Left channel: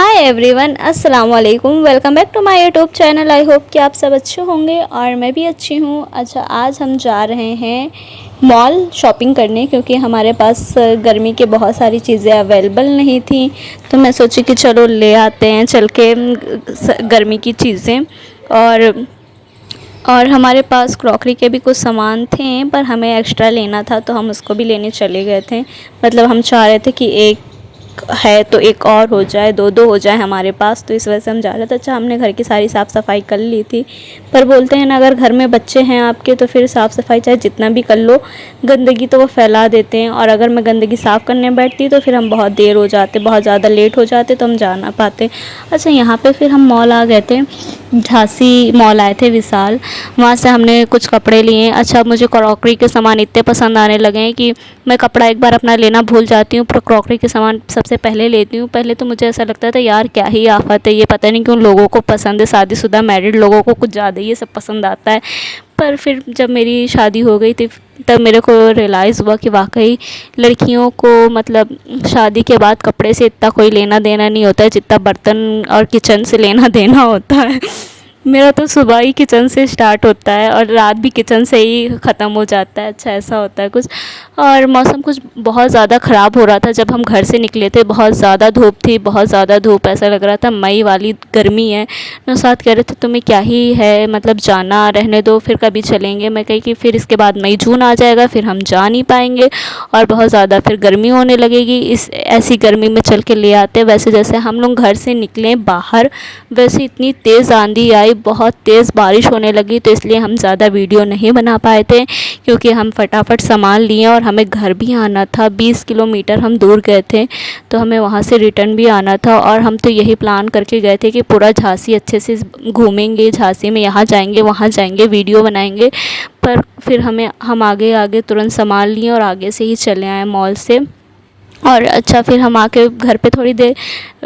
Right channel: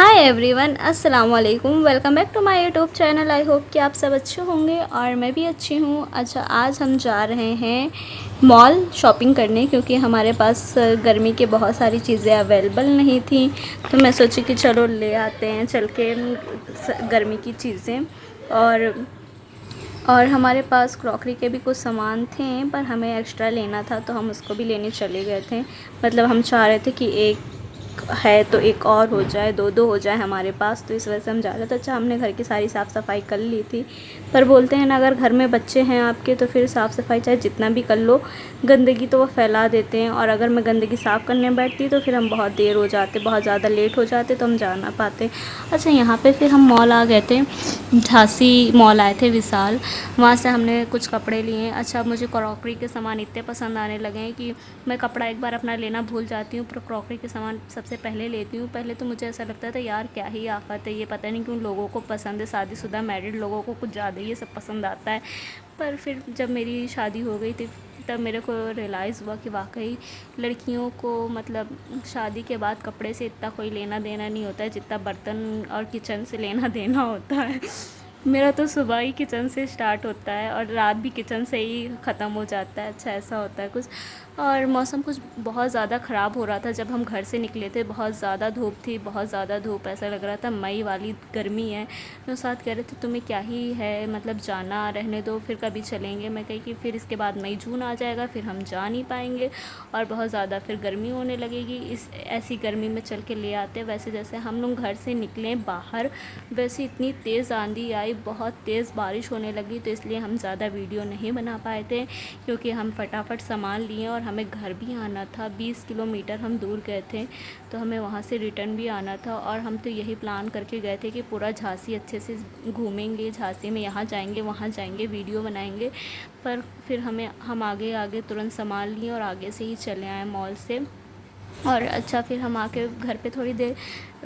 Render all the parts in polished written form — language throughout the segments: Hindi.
हाय एवरीवन, अस्सलाम वालेकुम। Welcome back to my YouTube channel. I hope कि आप सब अच्छे होंगे और मैं भी अच्छी हूँ। अच्छा, आज हम जा रहे हैं मॉल शॉपिंग करने क्योंकि हमारे पास गर्मी के बहुत सारी चीज़ें अवेलेबल नहीं थी। तो मैं सोची कि चलो ले आते हैं चल के गर्मी की चीज़ें। और हमारे पास क्रॉकरी के भी कुछ सामान थे पर हमें एक्स्ट्रा लेना था तो हम उसको भी लेने चले गए थे। मतलब हम चाह रहे थे कि एक है तो एक और हो जाए, दो दो हो जाए हमारे पास, तो इस वजह से हम जा रहे थे। अच्छा, हमने घर की सारी साफ़ सफाई कर ली थी, पर बोलते हैं ना, अगर घर में बच्चे हैं आपके तो फिर साफ़ सफाई चाहे जितना भी कर लो, गंदगी तो वो फैला देते हैं। और अगर मैं गंदगी साफ़ करने बैठती तो फिर हम बहुत देर हो जाते, बहुत ज़्यादा लेट हो जाते, तो हम जा ना पाते। अच्छा, यहाँ पर फिर हम मॉल आ गए थे, झांसी मॉल आए थे, विशाल। वहाँ से हमने कुछ कपड़े लिए। अच्छा, मुझे क्रॉकरी के सामान इतने पसंद आने लगे हैं कि मैं कपड़ा एक बार अपना लेना भूल जाती हूँ, पर क्रॉकरी के सामान सबसे पहले लेती हूँ। पहले तो मुझे ऐसा लगता था यार क्या ही आफत है, ये पता नहीं क्यों लोगों को पसंद है, शादीशुदा मैरिड लोगों को कुछ ज़्यादा ये सब पसंद आता है। पर फिर जब मेरी शादी हो गई थी तब मेरे को रियलाइज़ हुआ कि वाकई लड़कियों को मतलब शादी के बाद कपड़े से इतना कोई लेना देना नहीं होता है जितना बर्तन और किचन से लेना देना होता है। मेरा तो सुबह ही किचन से स्टार्ट होता है और रात भी किचन से ही ख़त्म हो जाता है। अच्छा, ऐसा होता है कुछ। और मौसम कुछ बहुत ज़्यादा ख़राब हो रहा था जब हम घर से निकले थे। बहुत ज़्यादा धूप थी, बहुत ज़्यादा धूप, ऐसा लग रहा था मई वाली गर्मी है। नौशाद कह रहे थे तुम्हें क्या ही है, मतलब जाना, रहने दो, फिर कभी चलेंगे। मैं कही कि फिर इसके बाद मई जून आ जाएगा, फिर हम जा नहीं पाएंगे और बहुत ज़्यादा फिर गर्मी होने लगेगी। इस ऐसी गर्मी में चल के ले आते। वैसे जैसे हम लोग घर से निकले बाहर, वैसे इतनी तेज़ आंधी आई, बहुत तेज़ बारिश होने लगी, तो इसलिए हम ज़्यादा वीडियो नहीं बना पाए थे क्योंकि हम फटाफट सामान लिए और हमें घर भी आना था। 20 किलोमीटर हम दूर गए थे तो हमें वहाँ से रिटर्न भी आना था। और हम तो यही प्लान करके गए थे कि पूरा झांसी अच्छे से घूमेंगे, झांसी में यहाँ जाएंगे वहाँ जाएंगे, वीडियो बनाएंगे। पर फिर हम आगे आगे तुरंत सामान लिए और आगे से ही चले आए मॉल से। और अच्छा, फिर हम आके घर पे थोड़ी देर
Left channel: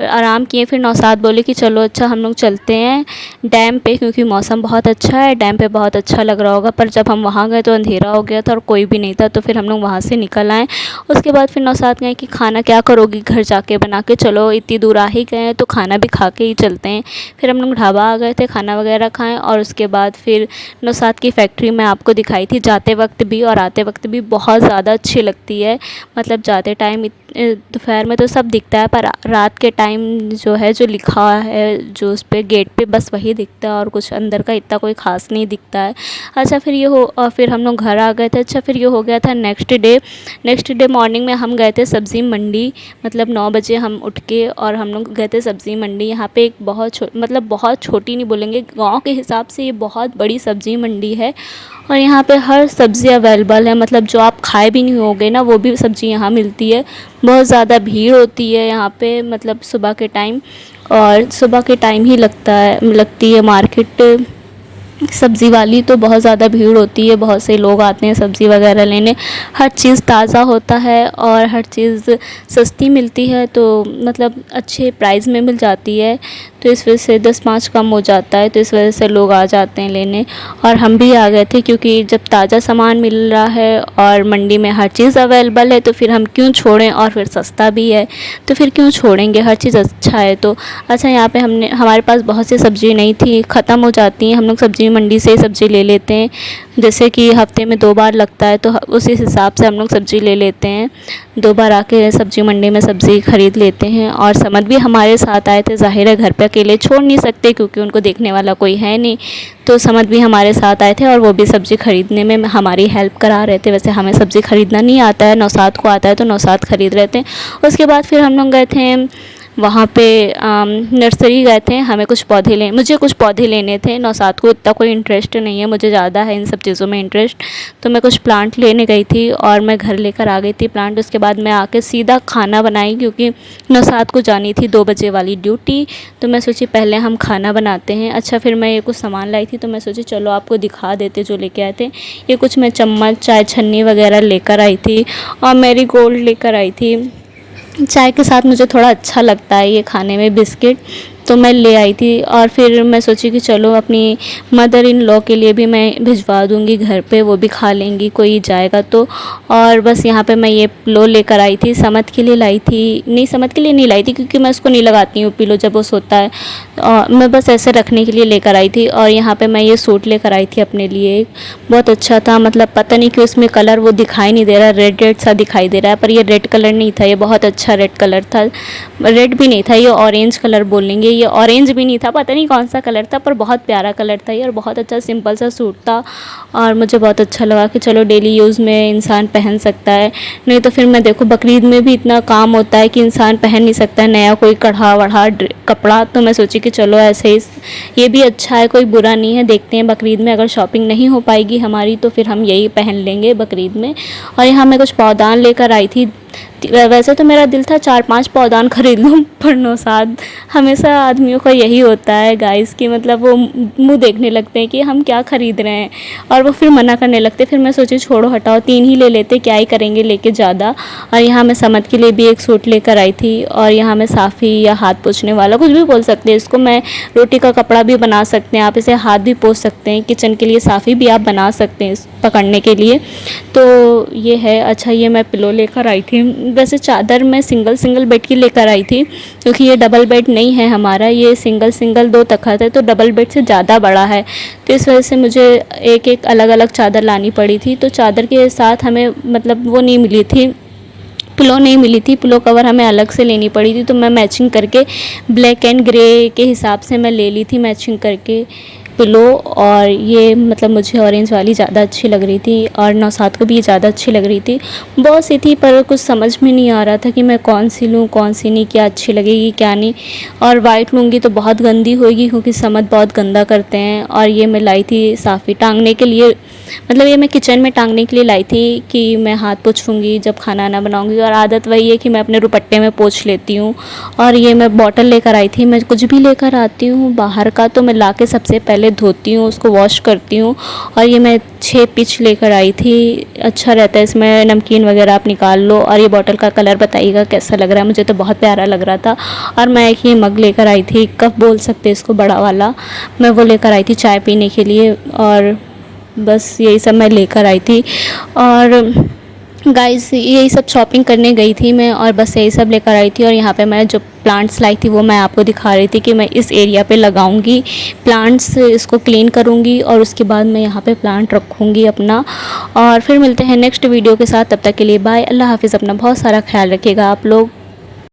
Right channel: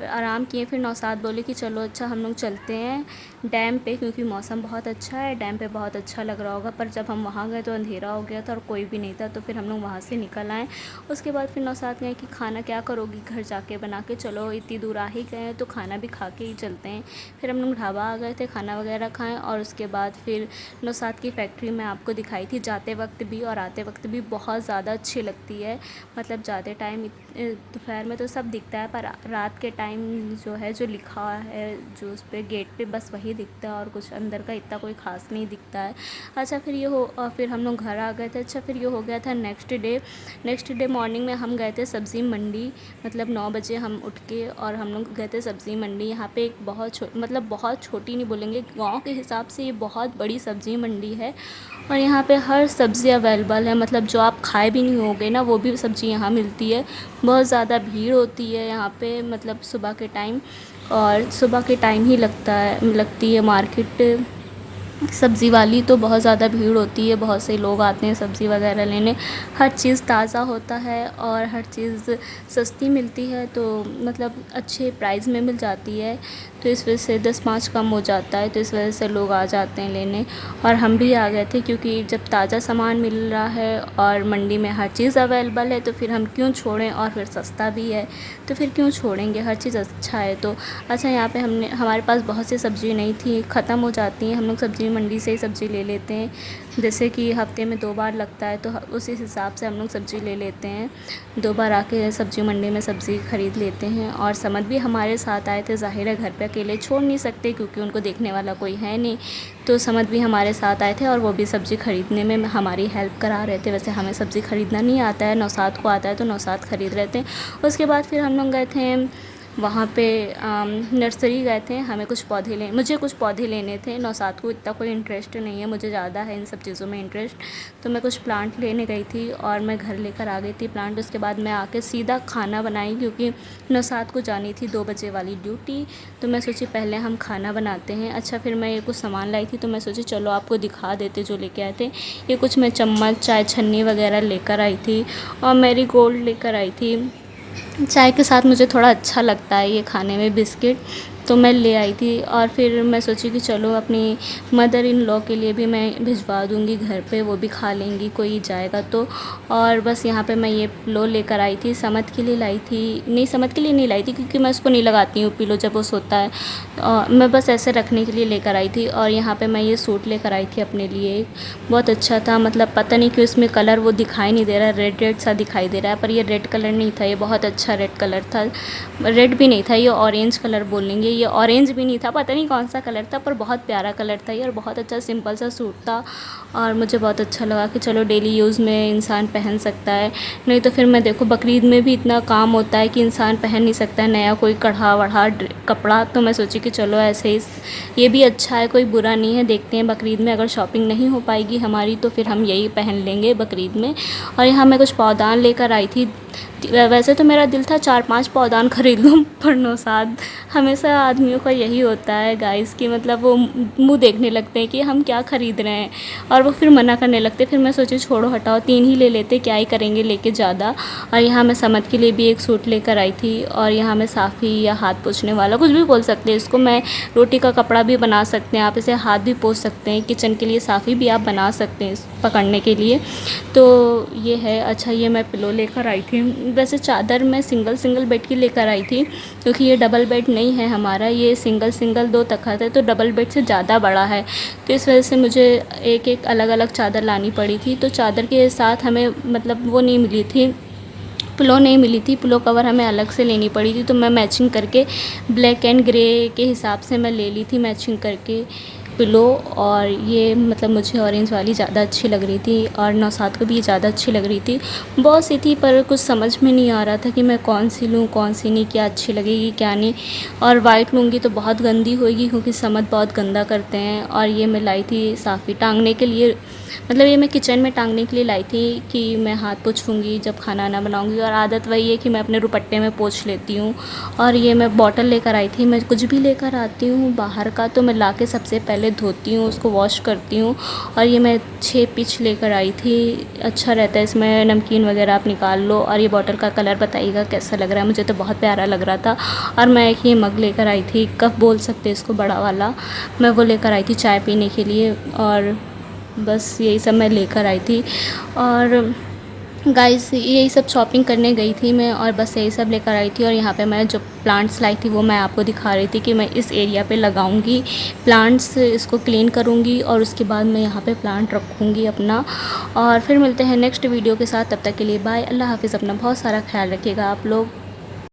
आराम किए। फिर नौशाद बोले कि चलो अच्छा हम लोग चलते हैं डैम पे क्योंकि मौसम बहुत अच्छा है, डैम पे बहुत अच्छा लग रहा होगा। पर जब हम वहाँ गए तो अंधेरा हो गया था और कोई भी नहीं था, तो फिर हम लोग वहाँ से निकल आए। उसके बाद फिर नौशाद गए कि खाना क्या करोगी, घर जाके बना के चलो, इतनी दूर आ ही गए हैं तो खाना भी खा के ही चलते हैं। फिर हम लोग ढाबा आ गए थे, खाना वगैरह खाएँ। और उसके बाद फिर नौशाद की फ़ैक्ट्री मैं आपको दिखाई थी, जाते वक्त भी और आते वक्त भी बहुत ज़्यादा अच्छी लगती है। मतलब जाते टाइम दोपहर में तो सब दिखता है, पर रात के टाइम जो है, जो लिखा है जो उस पे गेट पे, बस वही दिखता है और कुछ अंदर का इतना कोई ख़ास नहीं दिखता है। अच्छा, फिर ये हो और फिर हम लोग घर आ गए थे। अच्छा, फिर ये हो गया था नेक्स्ट डे मॉर्निंग में हम गए थे सब्ज़ी मंडी। मतलब 9 बजे हम उठ के और हम लोग गए थे सब्ज़ी मंडी। यहाँ पे एक मतलब बहुत छोटी नहीं बोलेंगे, गाँव के हिसाब से ये बहुत बड़ी सब्ज़ी मंडी है और यहाँ पे हर सब्ज़ी अवेलेबल है। मतलब जो आप खाए भी नहीं होगे ना, वो भी सब्ज़ी यहाँ मिलती है। बहुत ज़्यादा भीड़ होती है यहाँ पे, मतलब सुबह के टाइम, और सुबह के टाइम ही लगती है मार्केट सब्ज़ी वाली, तो बहुत ज़्यादा भीड़ होती है, बहुत से लोग आते हैं सब्ज़ी वगैरह लेने। हर चीज़ ताज़ा होता है और हर चीज़ सस्ती मिलती है, तो मतलब अच्छे प्राइस में मिल जाती है। तो इस वजह से 10-5 कम हो जाता है, तो इस वजह से लोग आ जाते हैं लेने। और हम भी आ गए थे क्योंकि जब ताज़ा सामान मिल रहा है और मंडी में हर चीज़ अवेलेबल है तो फिर हम क्यों छोड़ें, और फिर सस्ता भी है तो फिर क्यों छोड़ेंगे, हर चीज़ अच्छा है तो। अच्छा, यहाँ पे हमारे पास बहुत सी सब्ज़ी नहीं थी, ख़त्म हो जाती हैं, हम लोग सब्ज़ी मंडी से सब्ज़ी ले लेते हैं। जैसे कि हफ्ते में 2 बार लगता है तो उसी हिसाब से हम लोग सब्ज़ी ले लेते हैं। 2 बार आके सब्ज़ी मंडी में सब्ज़ी ख़रीद लेते हैं। और समद भी हमारे साथ आए थे, ज़ाहिर है घर पे अकेले छोड़ नहीं सकते क्योंकि उनको देखने वाला कोई है नहीं, तो समद भी हमारे साथ आए थे और वो भी सब्ज़ी ख़रीदने में हमारी हेल्प करा रहे थे। वैसे हमें सब्ज़ी ख़रीदना नहीं आता है, नौशाद को आता है, तो नौशाद ख़रीद रहे थे। उसके बाद फिर हम लोग गए थे वहाँ पे नर्सरी गए थे, मुझे कुछ पौधे लेने थे। नौशाद को इतना कोई इंटरेस्ट नहीं है, मुझे ज़्यादा है इन सब चीज़ों में इंटरेस्ट, तो मैं कुछ प्लांट लेने गई थी और मैं घर लेकर आ गई थी प्लांट। उसके बाद मैं आके सीधा खाना बनाई क्योंकि नौशाद को जानी थी 2 बजे वाली ड्यूटी, तो मैं सोची पहले हम खाना बनाते हैं। अच्छा, फिर मैं ये कुछ सामान लाई थी तो मैं सोची चलो आपको दिखा देते जो लेके आए थे। ये कुछ मैं चम्मच, चाय छन्नी वगैरह लेकर आई थी और मैरीगोल्ड लेकर आई थी। चाय के साथ मुझे थोड़ा अच्छा लगता है ये खाने में, बिस्किट। तो मैं ले आई थी। और फिर मैं सोची कि चलो अपनी मदर इन लॉ के लिए भी मैं भिजवा दूँगी घर पे, वो भी खा लेंगी कोई जाएगा तो। और बस यहाँ पे मैं ये पिलो लेकर आई थी, समद के लिए लाई थी, नहीं समद के लिए नहीं लाई थी क्योंकि मैं उसको नहीं लगाती हूँ पिलो जब वो सोता है। मैं बस ऐसे रखने के लिए लेकर आई थी। और यहाँ पे मैं ये सूट लेकर आई थी अपने लिए, बहुत अच्छा था। मतलब पता नहीं क्यों इसमें कलर वो दिखाई नहीं दे रहा, रेड रेड सा दिखाई दे रहा है, पर ये रेड कलर नहीं था, ये बहुत अच्छा रेड कलर था। रेड भी नहीं था, ये ऑरेंज कलर बोलेंगे, ये ऑरेंज भी नहीं था, पता नहीं कौन सा कलर था, पर बहुत प्यारा कलर था ये और बहुत अच्छा सिंपल सा सूट था। और मुझे बहुत अच्छा लगा कि चलो डेली यूज़ में इंसान पहन सकता है। नहीं तो फिर मैं देखो बकरीद में भी इतना काम होता है कि इंसान पहन नहीं सकता है नया कोई कढ़ा वढ़ा कपड़ा, तो मैं सोची कि चलो ऐसे ही ये भी अच्छा है, कोई बुरा नहीं है। देखते हैं बकरीद में अगर शॉपिंग नहीं हो पाएगी हमारी तो फिर हम यही पहन लेंगे बकरीद में। और यहाँ मैं कुछ पौधान लेकर आई थी। वैसे तो मेरा दिल था 4-5 पौधान खरीद लूँ, पर नौशाद हमेशा आदमियों का यही होता है गाइस कि मतलब वो मुँह देखने लगते हैं कि हम क्या ख़रीद रहे हैं और वो फिर मना करने लगते। फिर मैं सोची छोड़ो हटाओ, 3 ही ले लेते, क्या ही करेंगे लेके ज़्यादा। और यहाँ मैं समद के लिए भी एक सूट लेकर आई थी। और यहाँ मैं साफ़ी या हाथ पोंछने वाला कुछ भी बोल सकते हैं इसको, मैं रोटी का कपड़ा भी बना सकते हैं आप, इसे हाथ भी पोंछ सकते हैं। किचन के लिए साफ़ी भी आप बना सकते हैं पकड़ने के लिए। तो ये है। अच्छा ये मैं पिलो लेकर आई थी। वैसे चादर मैं सिंगल बेड की लेकर आई थी क्योंकि ये डबल बेड नहीं है हमारा, ये सिंगल 2 तख़्त है, तो डबल बेड से ज़्यादा बड़ा है। तो इस वजह से मुझे एक अलग अलग चादर लानी पड़ी थी। तो चादर के साथ हमें मतलब वो नहीं मिली थी, पिलो नहीं मिली थी, पिलो कवर हमें अलग से लेनी पड़ी थी। तो मैं मैचिंग करके ब्लैक एंड ग्रे के हिसाब से मैं ले ली थी मैचिंग करके पिलो। और ये मतलब मुझे ऑरेंज वाली ज़्यादा अच्छी लग रही थी और नौशाद को भी ये ज़्यादा अच्छी लग रही थी। बहुत सी थी पर कुछ समझ में नहीं आ रहा था कि मैं कौन सी लूँ कौन सी नहीं, क्या अच्छी लगेगी क्या नहीं। और वाइट लूँगी तो बहुत गंदी होगी क्योंकि समद बहुत गंदा करते हैं। और ये मैं लाई थी साफ़ी टांगने के लिए, मतलब ये मैं किचन में टांगने के लिए लाई थी कि मैं हाथ पोंछूँगी जब खाना ना बनाऊँगी। और आदत वही है कि मैं अपने दुपट्टे में पोंछ लेती हूँ। और ये मैं बॉटल लेकर आई थी। मैं कुछ भी लेकर आती हूँ बाहर का तो मैं लाके सबसे पहले धोती हूँ, उसको वॉश करती हूँ। और ये मैं 6 पिच लेकर आई थी, अच्छा रहता है, इसमें नमकीन वगैरह आप निकाल लो। और ये बॉटल का कलर बताइएगा कैसा लग रहा है, मुझे तो बहुत प्यारा लग रहा था। और मैं एक ये मग लेकर आई थी, कप बोल सकते इसको, बड़ा वाला, मैं वो लेकर आई थी चाय पीने के लिए। और बस यही सब मैं लेकर आई थी। और गाइस यही सब शॉपिंग करने गई थी मैं और बस यही सब लेकर आई थी। और यहाँ पे मैं जो प्लांट्स लाई थी वो मैं आपको दिखा रही थी कि मैं इस एरिया पे लगाऊंगी प्लांट्स, इसको क्लीन करूंगी और उसके बाद मैं यहाँ पे प्लांट रखूंगी अपना। और फिर मिलते हैं नेक्स्ट वीडियो के साथ, तब तक के लिए बाय, अल्लाह हाफिज़, अपना बहुत सारा ख्याल रखिएगा आप लोग।